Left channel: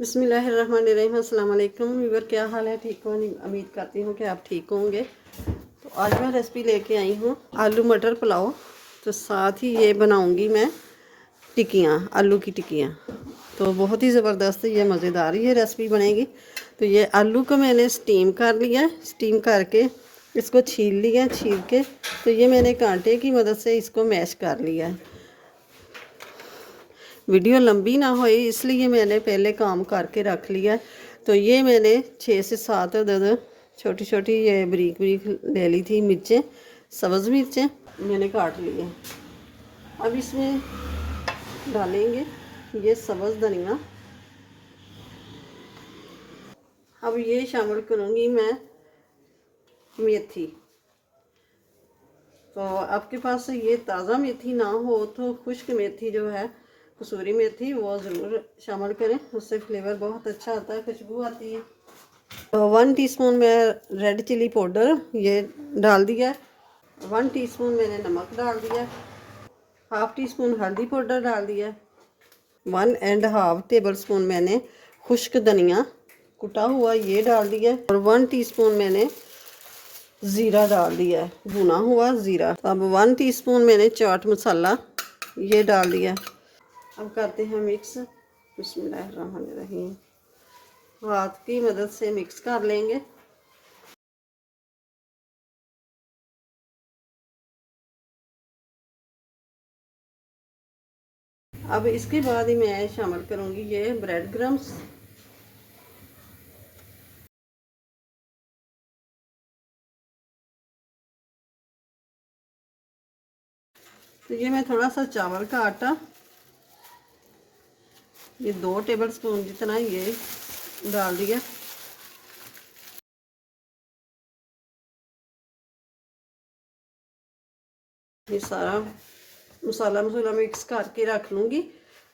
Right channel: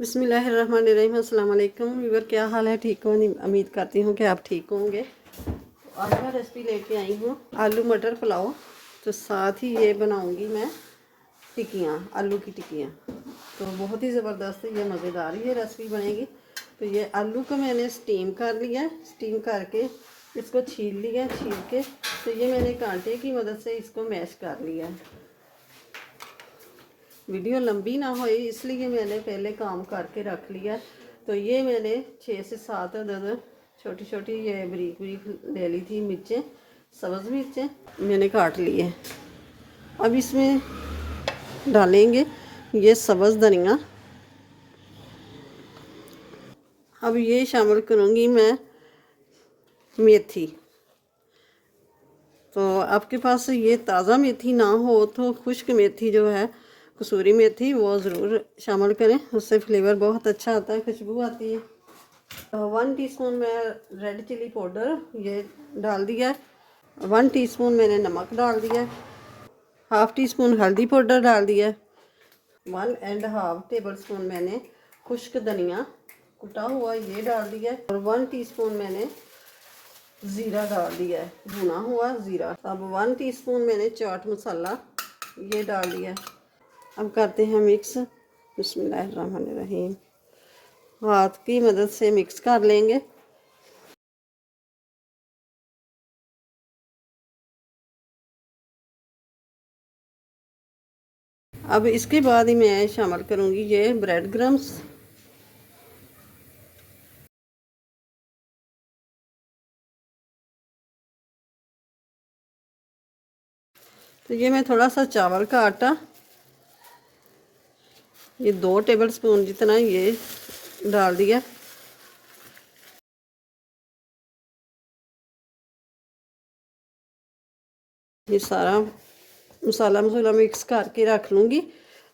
बिस्मिल्लाहिर्रहमानिर्रहीम। अस्सलाम वालेकुम व्यूअर, क्या हाल है? ठीक हो? उम्मीद करती हूँ कि आप ठीक होंगे। तो आज मैं रेसिपी लेके आई हूँ आलू मटर पुलाव। तो साथ ही ये बनाऊँगी मैं टिक्कियाँ, आलू की टिक्कियाँ। तो बहुत ही ज़बरदस्त ये मज़ेदार ये रेसिपी बनेगी। तो ये आलू को मैंने स्टीम कर लिया है। स्टीम करके इसको छील लिया, छील के तो ये मैंने कांटे की मदद से इसको मैश कर लिया है। वीडियो लंबी ना हो इसलिए मैंने पहले काम करके रख लिया है। तो ये मैंने 6 से 7 अदद छोटी छोटी ये बारीक बारीक ले ली थी मिर्चें, सब्ज़ मिर्चें मैंने काट ली है। अब इसमें डालेंगे ये सब्ज़ धनिया। अब ये शामिल करूँगी मैं मेथी। तो आपके पास ये ताज़ा मेथी ना हो तो खुश्क मेथी जो है, कसूरी मेथी, वो ज़रूर शामिल करें, उससे फ्लेवर बहुत अच्छा आता है, खुशबू आती है। तो 1 टीस्पून में रेड चिली पाउडर ये डाल दिया। 1 टीस्पून मैंने नमक डाल दिया। हाफ़ टी स्पून हल्दी पाउडर डाल दिया। 1.5 टेबल स्पून मैंने खुश्क धनिया कुटा हुआ ये डाल दिया। और 1 टीस्पून मैंने ज़ीरा डाल दिया है, भुना हुआ ज़ीरा। अब 1 टीस्पून मैंने चाट मसाला ये डाल दिया। अब करते हैं मिक्स। बिस्मिल्लाहिर्रहमानिर्रहीम। हाथ की मदद से मिक्स कर लेंगे। अब इसके बाद ही मैं शामिल करूँगी ये ब्रेड क्रम्स। तो ये मैं थोड़ा सा चावल का आटा, ये 2 टेबल स्पून जितना ये डाल दिया। ये सारा मसाला मिक्स करके रख लूँगी।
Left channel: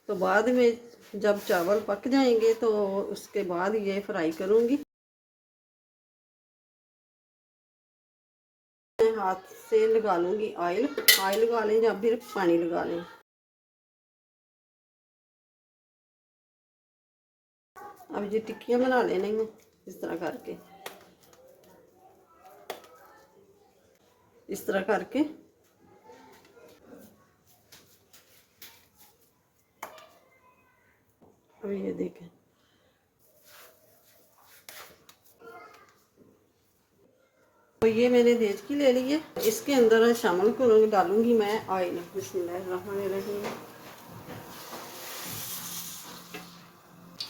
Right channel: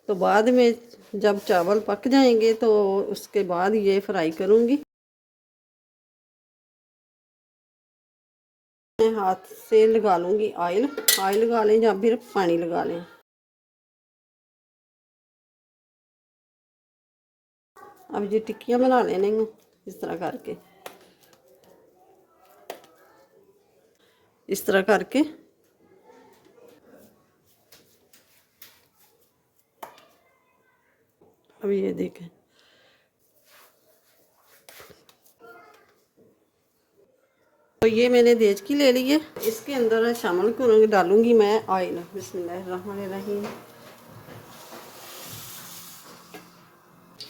तो बाद में जब चावल पक जाएंगे तो उसके बाद ये फ्राई करूँगी। मैं हाथ से लगा लूँगी ऑयल लगा लें या फिर पानी लगा लें। अब ये टिक्कियाँ बना लेने इस तरह करके, इस तरह करके। अब ये देखें, तो ये मैंने देचकी ले ली है। इसके अंदर शामिल करूँगी, डालूँगी मैं ऑयल। बिस्मिल्लाहिर्रहमानिर्रहीम।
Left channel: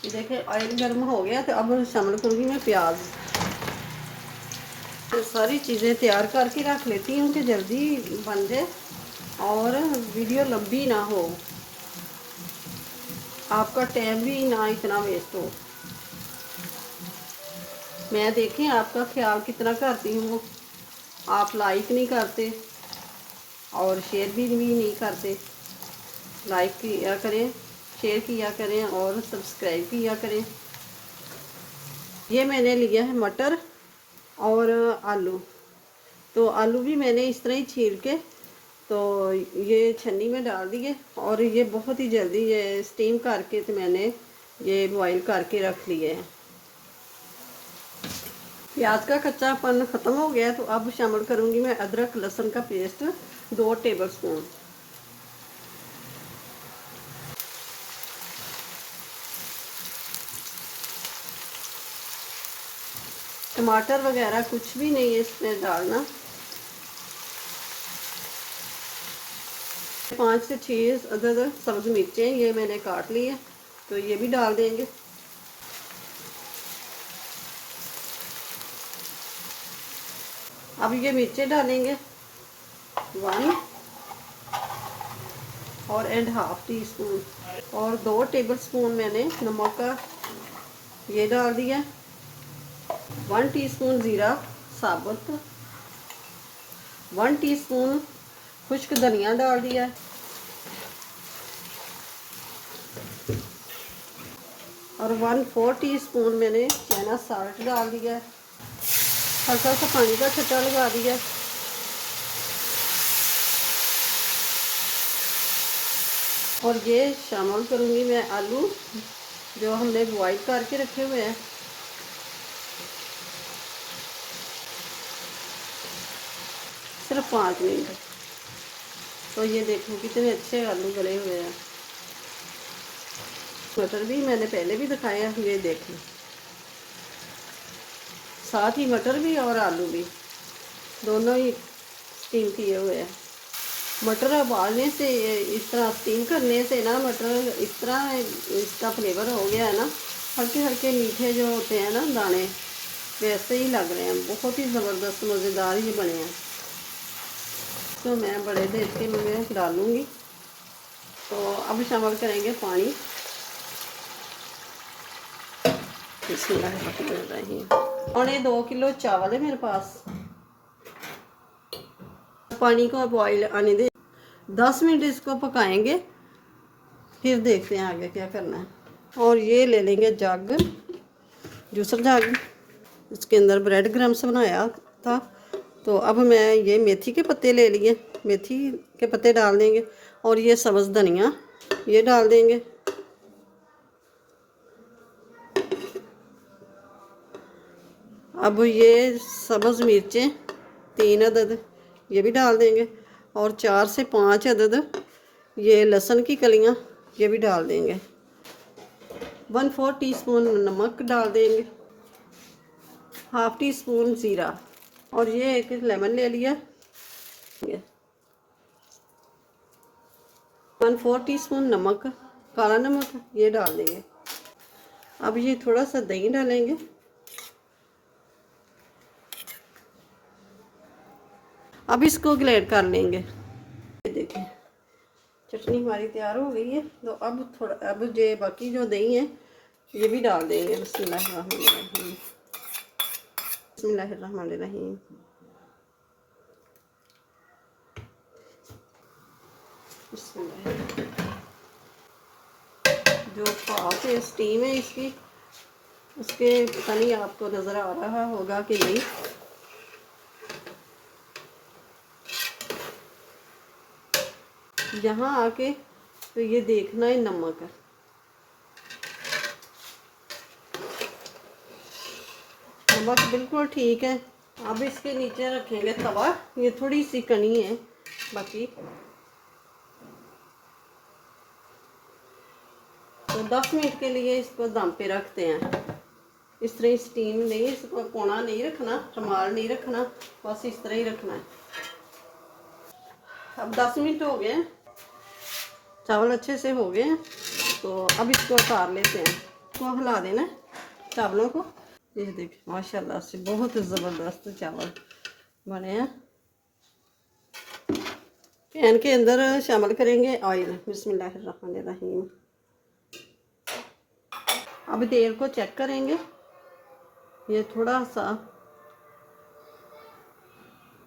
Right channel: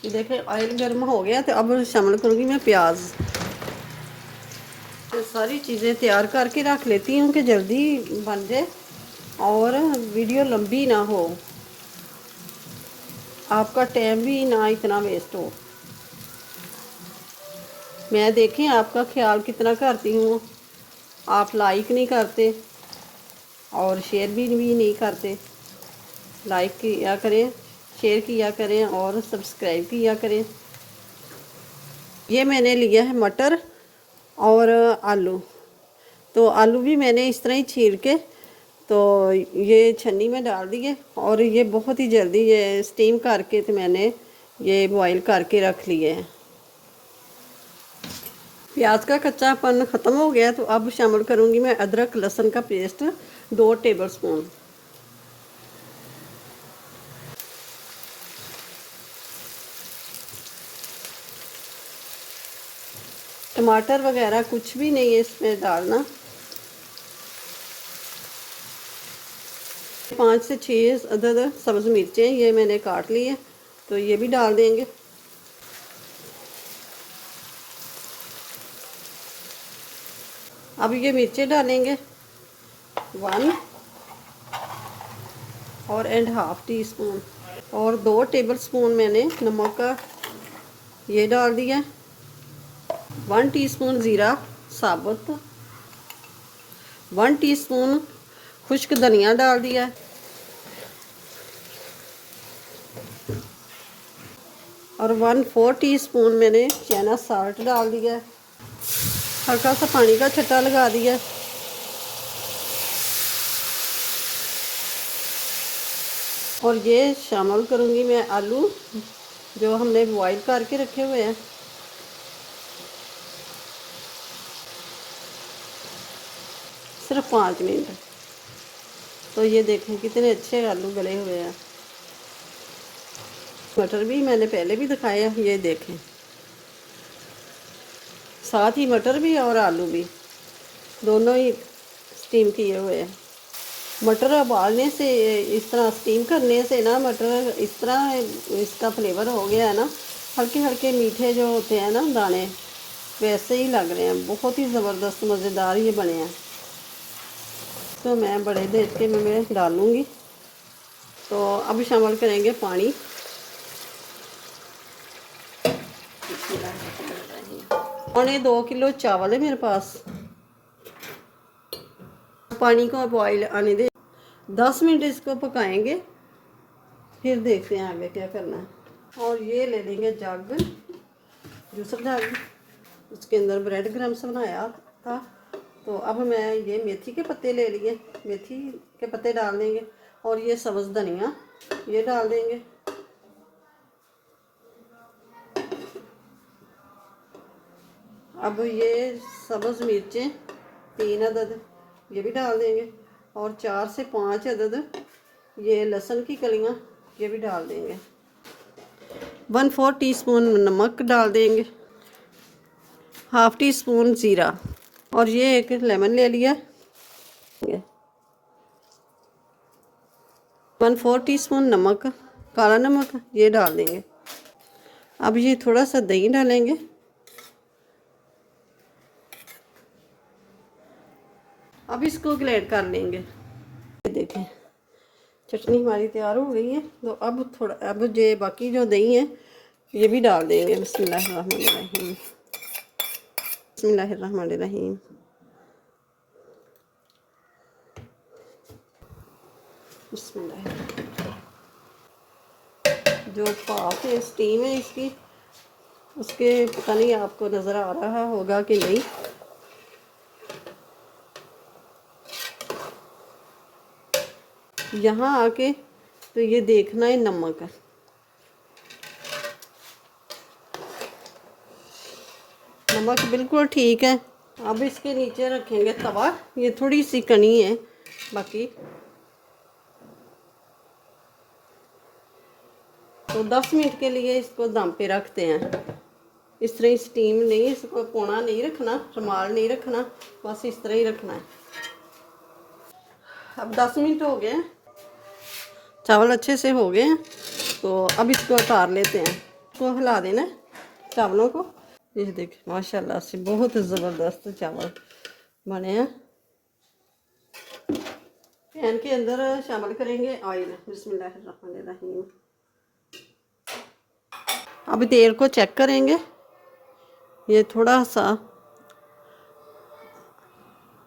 देखें ऑयल गर्म हो गया। तो अब शामिल करूँगी मैं प्याज। तो सारी चीज़ें तैयार करके रख लेती हूँ कि जल्दी बन जाए और वीडियो लंबी ना हो, आपका टाइम भी ना इतना वेस्ट हो। मैं देखें आपका ख्याल कितना करती हूँ, आप लाइक नहीं करते और शेयर भी नहीं करते। लाइक किया करें, शेयर किया करें और सब्सक्राइब किया करें। ये मैंने लिया है मटर और आलू। तो आलू भी मैंने इस तरह ही छील के तो ये छन्नी में डाल दिए। और ये बहुत ही जल्दी ये स्टीम करके तो मैंने ये बॉईल करके रख लिए हैं। प्याज का कच्चापन ख़त्म हो गया। तो अब शामिल करूँगी मैं अदरक लहसुन का पेस्ट 2 टेबल स्पून। टमाटर वगैरह कुछ भी नहीं है इसमें डालना। 5 से 6 अदद सब्ज़ मिर्चें ये मैंने काट ली है, तो ये भी डाल देंगे। अब ये मिर्चें डालेंगे 1 और एंड हाफ टी स्पून। और 2 टेबल स्पून मैंने नमक का ये डाल दिया। 1 टीस्पून ज़ीरा साबुत, 1 टीस्पून खुश्क धनिया डाल दिया। और 1/4 टीस्पून मैंने चना साल्ट डाल दिया। हल्का सा पानी का छट्टा लगा दिया। और ये शामिल करूँगी मैं आलू जो हमने बॉईल करके रखे हुए हैं। सिर्फ 5 मिनट। तो ये देखें कितने अच्छे आलू गले हुए हैं। मटर भी मैंने पहले भी दिखाए हैं, ये देखें, साथ ही मटर भी और आलू भी दोनों ही स्टीम किए हुए हैं। मटर उबालने से, इस तरह स्टीम करने से ना मटर इस तरह इसका फ्लेवर हो गया है ना, हल्के हल्के मीठे जो होते हैं ना दाने, वैसे ही लग रहे हैं। बहुत ही ज़बरदस्त मज़ेदार ये बने हैं। तो मैं बड़े देख के मैं डालूँगी। तो अब शामिल करेंगे पानी। पौने 2 किलो चावल है मेरे पास। पानी को बॉईल आने दें, 10 मिनट इसको पकाएंगे, फिर देखते हैं आगे क्या करना है। और ये ले लेंगे जग, जूसर जग। इसके अंदर ब्रेड क्रम्स बनाया था। तो अब मैं ये मेथी के पत्ते ले लिए, मेथी के पत्ते डाल देंगे। और ये सब्ज़ धनिया ये डाल देंगे। अब ये सब्ज़ मिर्चें 3 अदद ये भी डाल देंगे। और 4 से 5 अदद ये लहसुन की कलियां ये भी डाल देंगे। 1/4 टीस्पून नमक डाल देंगे। हाफ़ टी स्पून ज़ीरा। और ये एक लेमन ले लिया। 1/4 टीस्पून नमक, काला नमक ये डाल देंगे। अब ये थोड़ा सा दही डालेंगे। अब इसको ग्रेट कर लेंगे। ये देखें चटनी हमारी तैयार हो गई है। तो अब थोड़ा, अब ये बाकी जो दही है ये भी डाल देंगे। बिस्मिल्लाहिर्रहमानिर्रहीम, बिस्मिल्लाहिर्रहमानिर्रहीम। बिस्मिल्लाह। जो भाप है, स्टीम है इसकी, उसके पता नहीं आपको नज़र आ रहा होगा कि नहीं। यहाँ आके तो ये देखना है नमक है। नमक बिल्कुल ठीक है। अब इसके नीचे रखेंगे तवा। ये थोड़ी सी कनी है बाकी। तो 10 मिनट के लिए इसको दम पे रखते हैं। इस तरह ही स्टीम नहीं, इसको कोना नहीं रखना, रुमाल नहीं रखना, बस इस तरह ही रखना है। अब 10 मिनट हो गए, चावल अच्छे से हो गए हैं। तो अब इसको उतार लेते हैं। इसको हिला देना है चावलों को। ये देखिए माशाल्लाह से बहुत ज़बरदस्त चावल बने हैं। पैन के अंदर शामिल करेंगे ऑयल। बिस्मिल्लाहिर्रहमानिर्रहीम। अब तेल को चेक करेंगे। ये थोड़ा सा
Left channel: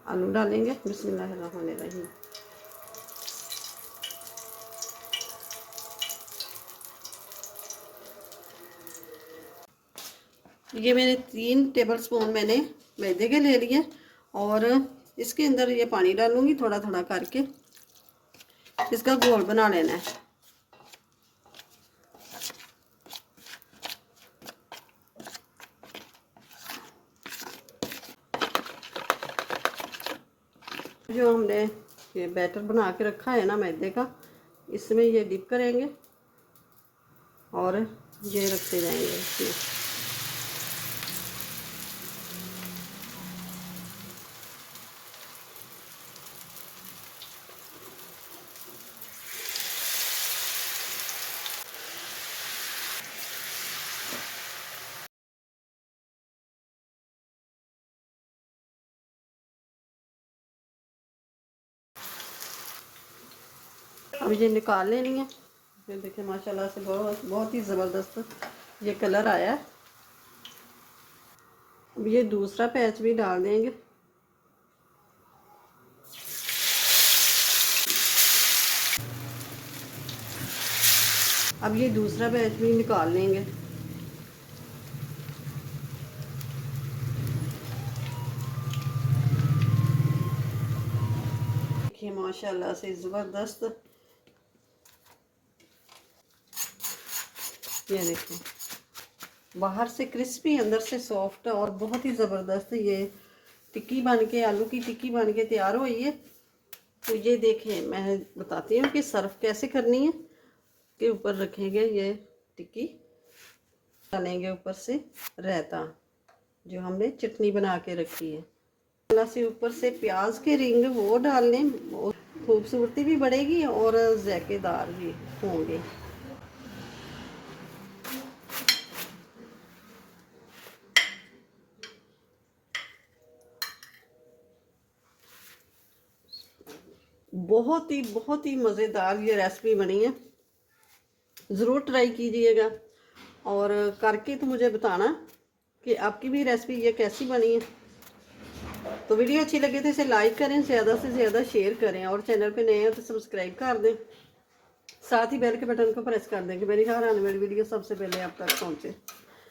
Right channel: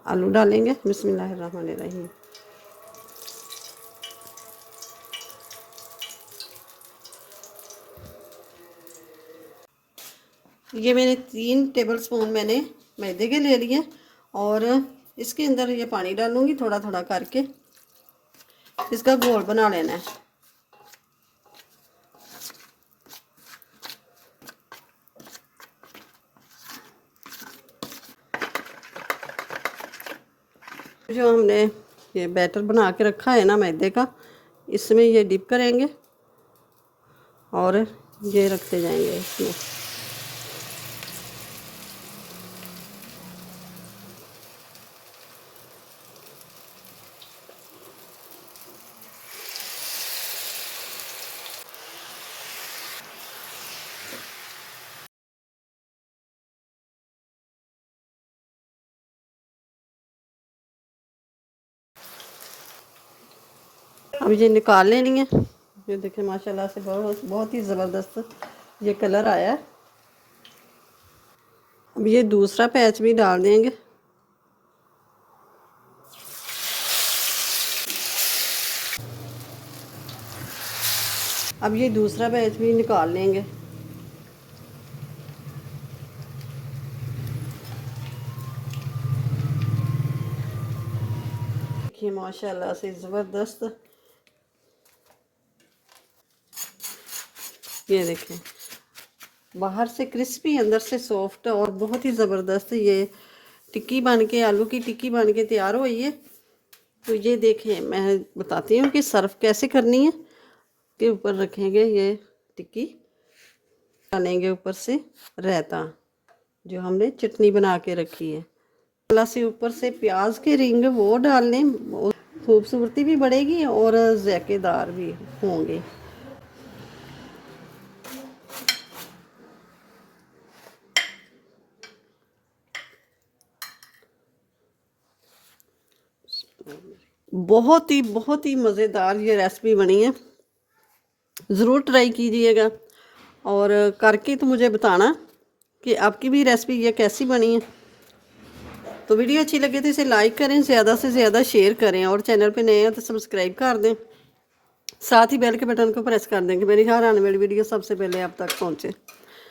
आलू डालेंगे। बिस्मिल्लाहिर्रहमानिर्रहीम। ये मैंने 3 टेबलस्पून मैंने मैदे के ले लिए। और इसके अंदर ये पानी डालूंगी थोड़ा थोड़ा करके। इसका घोल बना लेना है। जो हमने ये बैटर बना के रखा है ना मैदे का, इसमें ये डिप करेंगे और ये रखते जाएंगे इसमें। अब ये निकाल लेनी है। ये देखिए माशाल्लाह से बहुत बहुत ही ज़बरदस्त ये कलर आया है। अब ये दूसरा पैच भी डाल देंगे। अब ये दूसरा बैच भी निकाल लेंगे। देखिए माशाल्लाह से ज़बरदस्त ये देखें, बाहर से क्रिस्पी अंदर से सॉफ्ट और बहुत ही ज़बरदस्त ये टिक्की बन के, आलू की टिक्की बन के तैयार हुई है। तो ये देखें, मैं बताती हूँ कि सर्व कैसे करनी है। के ऊपर रखेंगे ये टिक्की, डालेंगे ऊपर से रायता जो हमने चटनी बना के रखी है, थोड़ा से ऊपर से प्याज के रिंग वो डालने, खूबसूरती भी बढ़ेगी और जायकेदार भी होंगे। बहुत ही मज़ेदार ये रेसिपी बनी है, ज़रूर ट्राई कीजिएगा और करके तो मुझे बताना कि आपकी भी रेसिपी ये कैसी बनी है। तो वीडियो अच्छी लगे तो इसे लाइक करें, ज़्यादा से ज़्यादा शेयर करें और चैनल पे नए हैं तो सब्सक्राइब कर दें, साथ ही बेल के बटन को प्रेस कर दें कि मेरी हर आने वाली वीडियो सबसे पहले आप तक पहुंचे।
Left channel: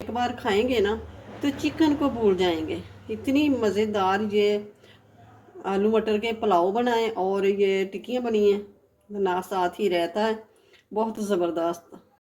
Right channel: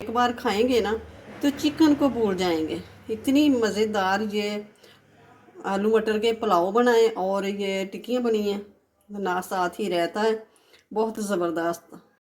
एक बार खाएंगे ना तो चिकन को भूल जाएंगे। इतनी मज़ेदार ये आलू मटर के पुलाव बनाए और ये टिक्कियाँ बनी हैं, ना साथ ही रहता है, बहुत ज़बरदस्त।